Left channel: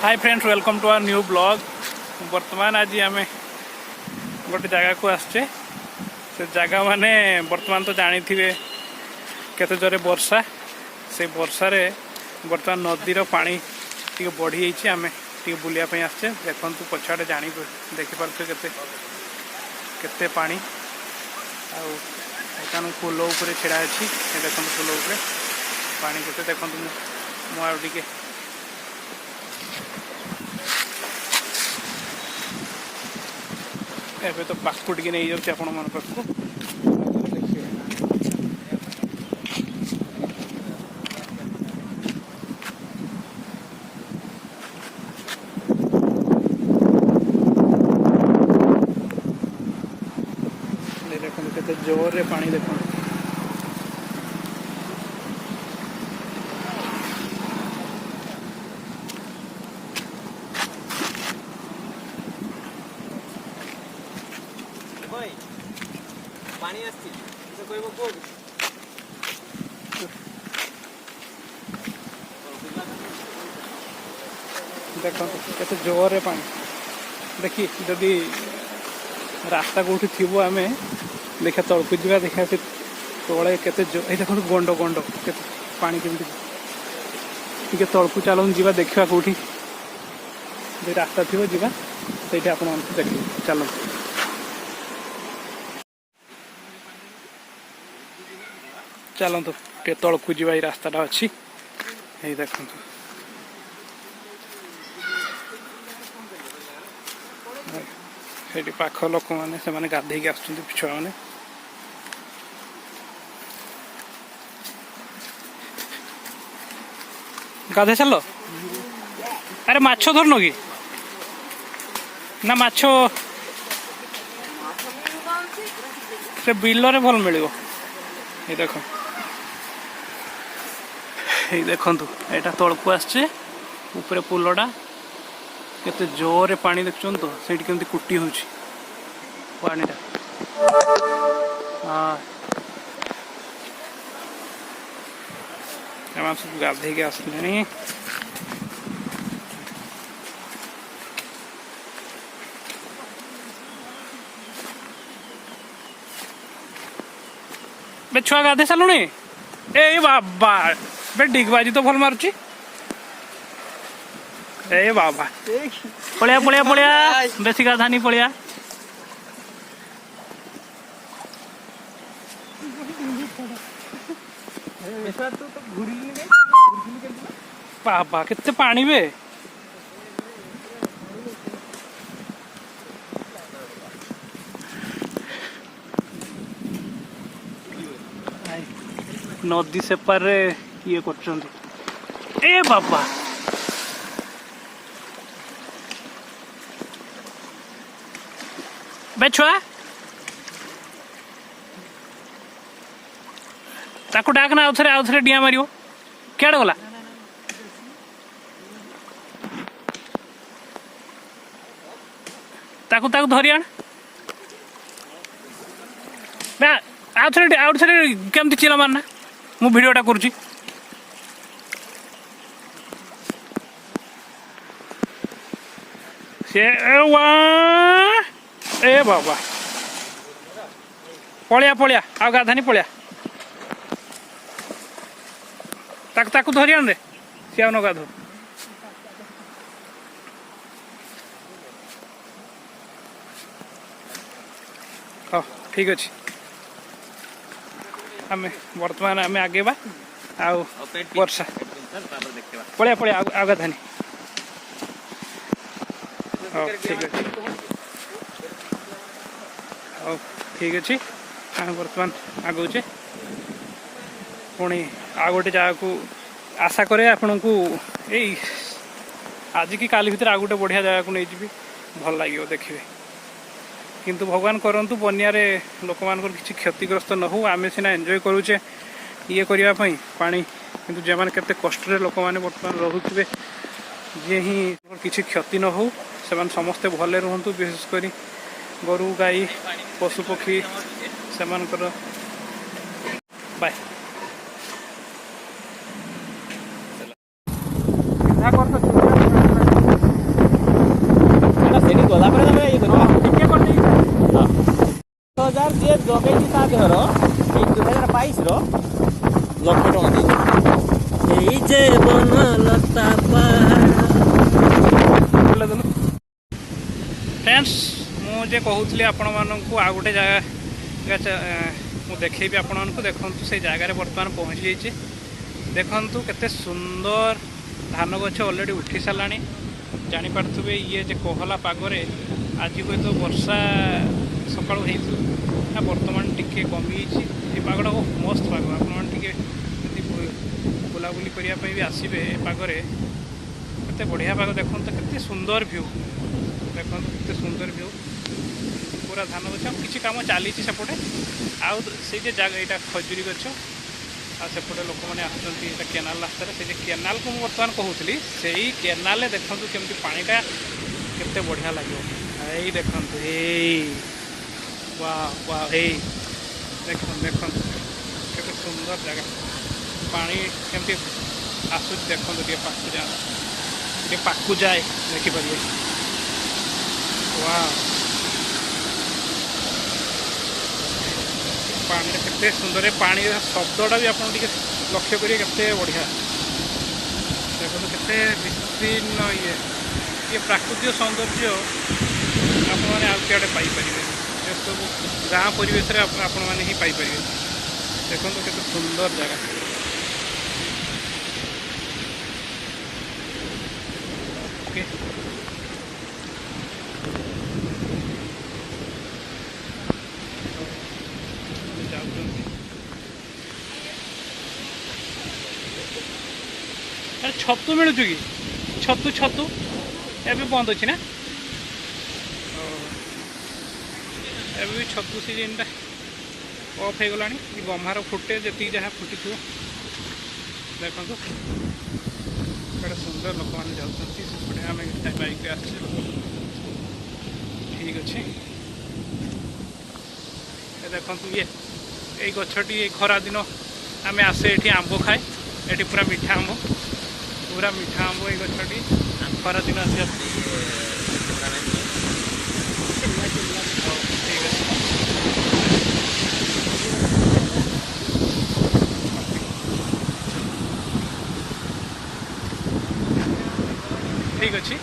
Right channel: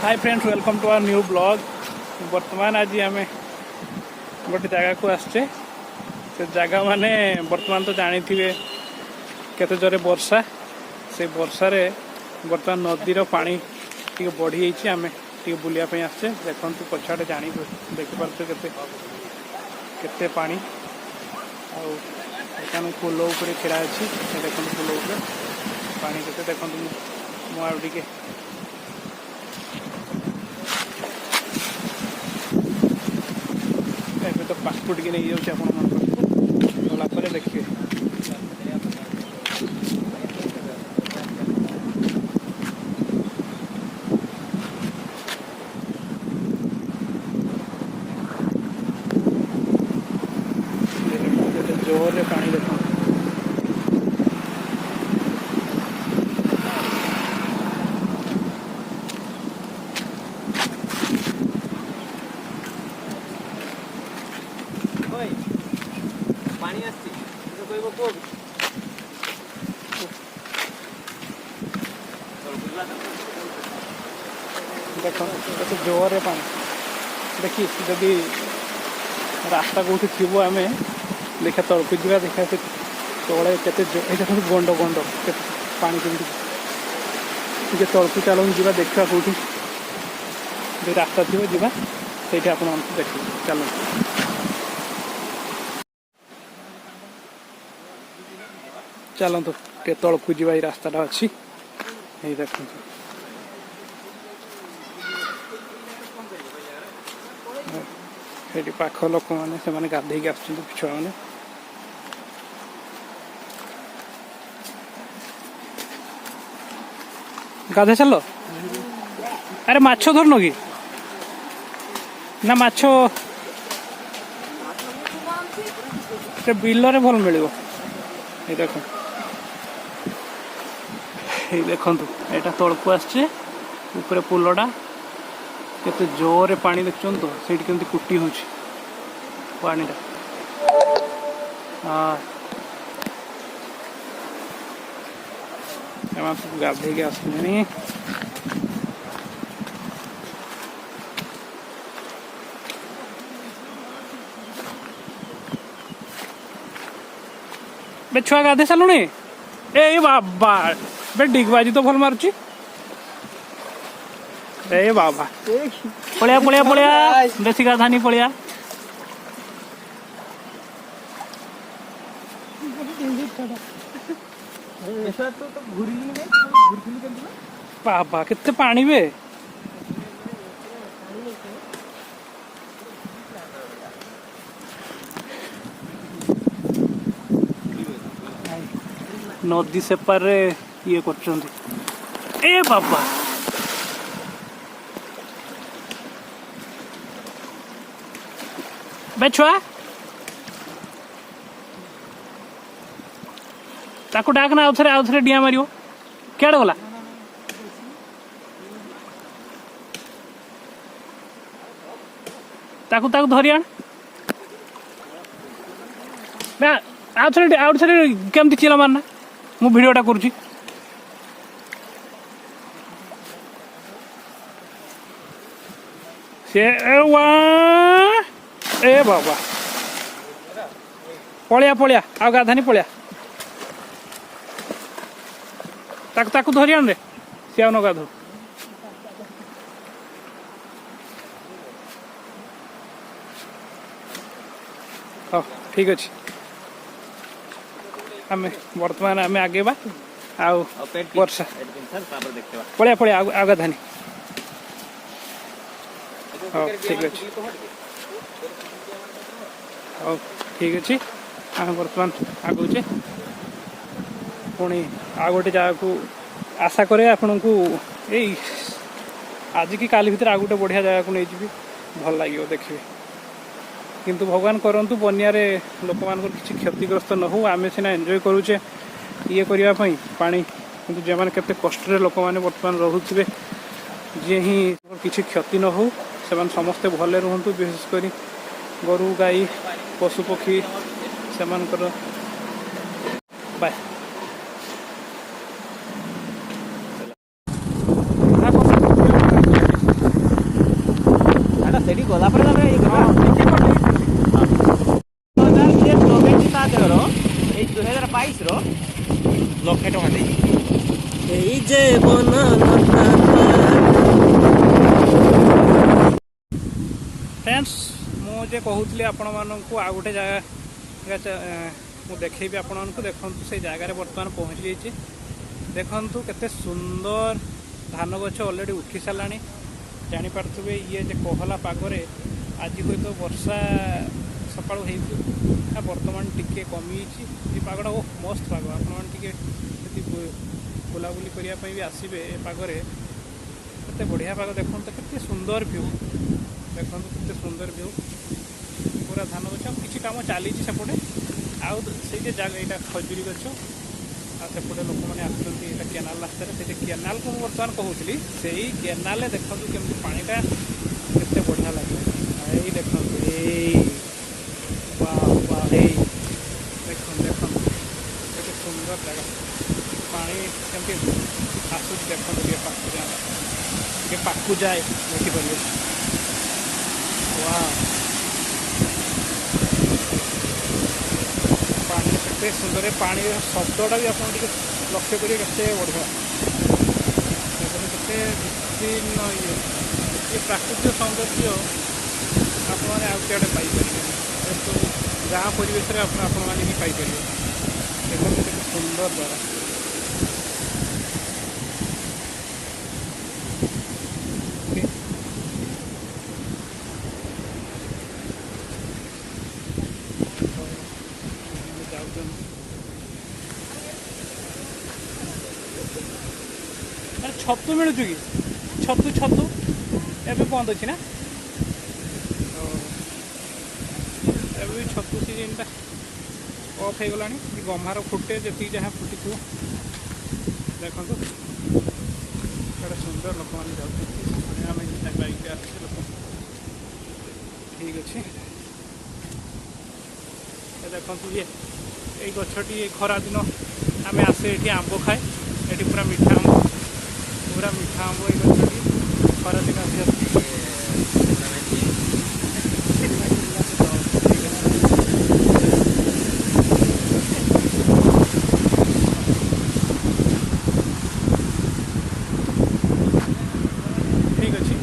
Hi friends, welcome to our new blog. बर्तमान आज आम गोटे जगह को आसचे। से जगह माने बर्तमान तो जानी थे केते जोरे वर्षा। से वर्षा रे बर्तमान नदीर पानी टी बढ़ी जाइए। आम टी बुलायापी आसचे। देखु पछाड़े जानी देखिपे केते पानी आउ पोल उपर छिड़ा अच्छी। देखो पोल उपर पानी केते देखो मुझे ଏବେ ତ ପାସପୋର୍ଟ ଟିକେ ନେଇଯାଉଛି ଆପଣମାନଙ୍କ ପାଖକୁ। ଗଲା ପରେ ଦେଖିବେ। କେତେ ଜୋରରେ ପାଣି ଦେଖନ୍ତୁ। देखो केते जोरे पानी देखी जदि रास्ता कौटी थी आम देखा तड़कू जा देखा से तले केते देखो गंड गंड पानी के तड़कू चलूँ जा देखा कौटी रास्ता थी जा से आप देखिए। चलो चलतु टे तड़कू जा रास्ताटा अच्छी यही देखु। ये पाख लोक मैंने गाधे छुआ मैंने गाधे सार। अरे माछ धरन कि ना माछ से बिल रे भल मिल। ये देख ये देखु यहाँ तलकू आसचे ऊपर पोलटा केते जोरे पानी देखुन तो सेठी केमती कुटी होची पानीटा। हाँ सब गाधे के आसले बे छुआ गाधे सालुनी। ए बाबा बे डिगबाजी तो भल मारुची। ए बाबा पलिया पलिया पलिया बेसी गाधानी पलिया। बाबा कितने पानी बे। नदी से पार ये कर। ए बाबा बे छुआ ताकू डाकना आउ थे डिया मार क्या गला। ताकू ताकू धरी आण आउ थे केमती चिला मारना मु भिडियोटा करुची। से ए बाबा पलिया पलिया आ गाधानी पलिया ताकू धरी आन रे सी आउ न गाधो। हाँ ठीक अच्छे आम बर्तमान आम आगे आउ वर्षा पलिया पलिया आ गाधानी। हाँ ठीक अच्छे हाँ ठीक अच्छे आम बर्तमान आगुचे पुणी आ गोटे जगह को आशा करे आपण को यही आज की काली भितर आ गोटे बढ़िया जगह को नहीं जी भल लगे देखिए। किंतु भगवान करंतु बनिया रे लोक मान किसी क्षतिग्रस्त न हो। आम सीना एंजॉय करुचे ये करने पानी किंतु जे मैंने केते कष्ट रे लोक मैंने बर्तमान रुथे जे ही किसी क्षति न हो से समस्ते भले रुहतु। विशेषकर गोरु गाई पशु पक्षी से बाय। ଯେ ବନଲତା ପାହାଡ଼। फ्रेंड्स मुझे कहूली आपण मानक आ गोटे जगह मु देखी आपण मानक देखु से जगार बर्तमान पहुँची जाइए। देखु केते सुंदर धान गछ ऑलरेडी उठी सारा जापारे ये जे कोहला पागरे आज हुए तो वर्षा सका बर्तमान टिके कमी ये पागटा मस्त पाग आपड़ी बुलाबुली करने भी आसबे पागरे केते बढ़िया पाग देखो केते सुंदर व्यू देखो केते सुंदर व्यू पूरा धान गछ किसी कम चली सेपटे आउ से जगह यहाँ खजुरी गछ आसेपटे लोक मैंने आसुँच केनाल रास्तार से केनाल को बर्तमान कहूली से केनाल देखु केमती पानीटा केते बढ़िया लगे यही देखु वाह वाह देख देख केते सुंदर जगह पानी केमती आसूँ देखो पाकू जाए देखिपारे वाह पानी केते सुंदर पानी शब्दटा भी आप लक्ष्य करेंगे केते बढ़िया देखो केते विभिन्न ये प्राकृतिक सौंदर्य आप आउटे पाइपर सब गाँ परिवेश आपण मैंने ही पाइपर देखो केते सुंदर जगह ओके अरे छतु मिलूँ कि छतु छतु एवं बंद अच्छी ना एवं भी छतु सीजनटा अफ हो गला गम्हार फुटे जी जहाँ फुटी थो देखो बड़े सुंदर लोक मैंने जाते आम बाइक आस ठीक अच्छे देखु ये यही गछटी खरा दिन आम आसे ये आंब खाए ये पूरा मीठा आंब ये गछटी खरा दिन आसी ठीक अच्छे ठीक अच्छे